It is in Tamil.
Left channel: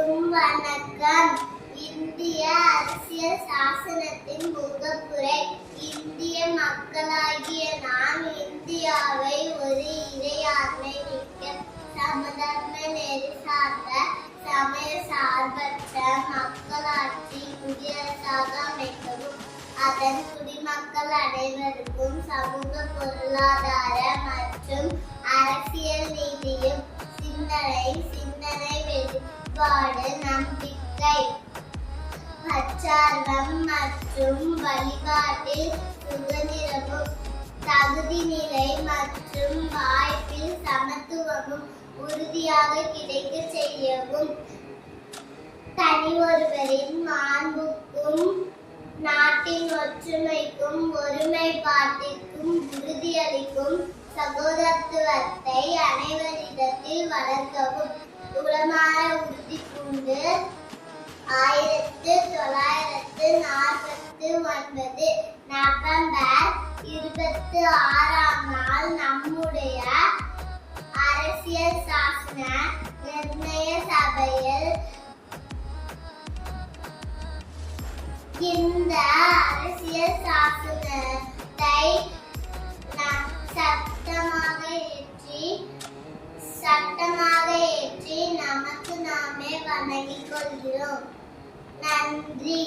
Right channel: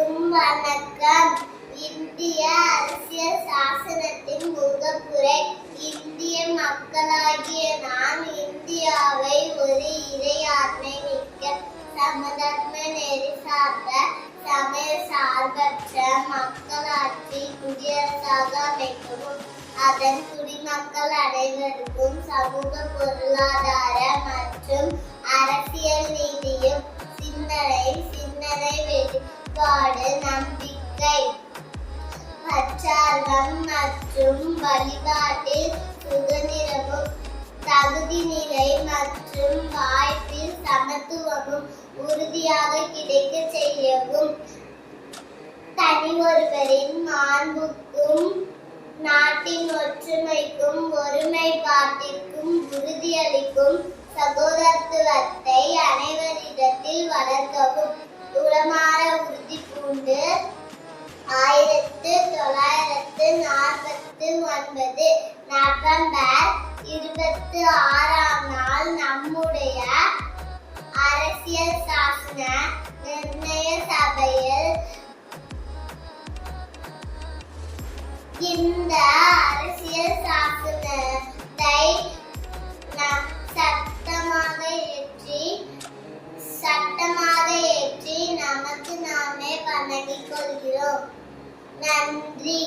அனைவருக்கும் வணக்கம். இந்திய அரசியல் சாசனத்தின் முகப்புரை. இந்திய மக்களாகிய நாம் இந்தியாவை ஒரு இறையாண்மை மிக்க சமதர்ம நெறி சார்ந்த சமய சார்பற்ற மக்களாட்சி குடியரசாக அமைக்கவும் அதன் குடிமக்கள் அனைவருக்கும் சமூக பொருளாதார மற்றும் அரசியல் நீதியும் சிந்தனை வெளிப்பாடு நம்பிக்கை பச்சார்வம் மற்றும் வழிபாட்டில் சுதந்திரமும் தகுதி நிலை மற்றும் வாய்ப்பில் சமத்துவமும் உறுதியாக கிடைக்க செய்யவும் தனி ஒருவரின் மாண்புக்கும் நாட்டின் ஒற்றுமைக்கும் ஒருமைப்பாட்டிற்கும் உறுதியளிக்கும் சகோதரத்துவத்தை அனைவரிடத்தில் வளர்க்கவும் உளமாற உறுதி பூண்டு 1949 நவம்பர் 26 நம்முடைய அரசியல் சாசன நிர்ணய சபையில் இந்த அரசியல் சாசனத்தை சட்டமாக ஏற்றி நமக்கு நாமே வணங்கிக் கொள்கிறோம். நன்றி.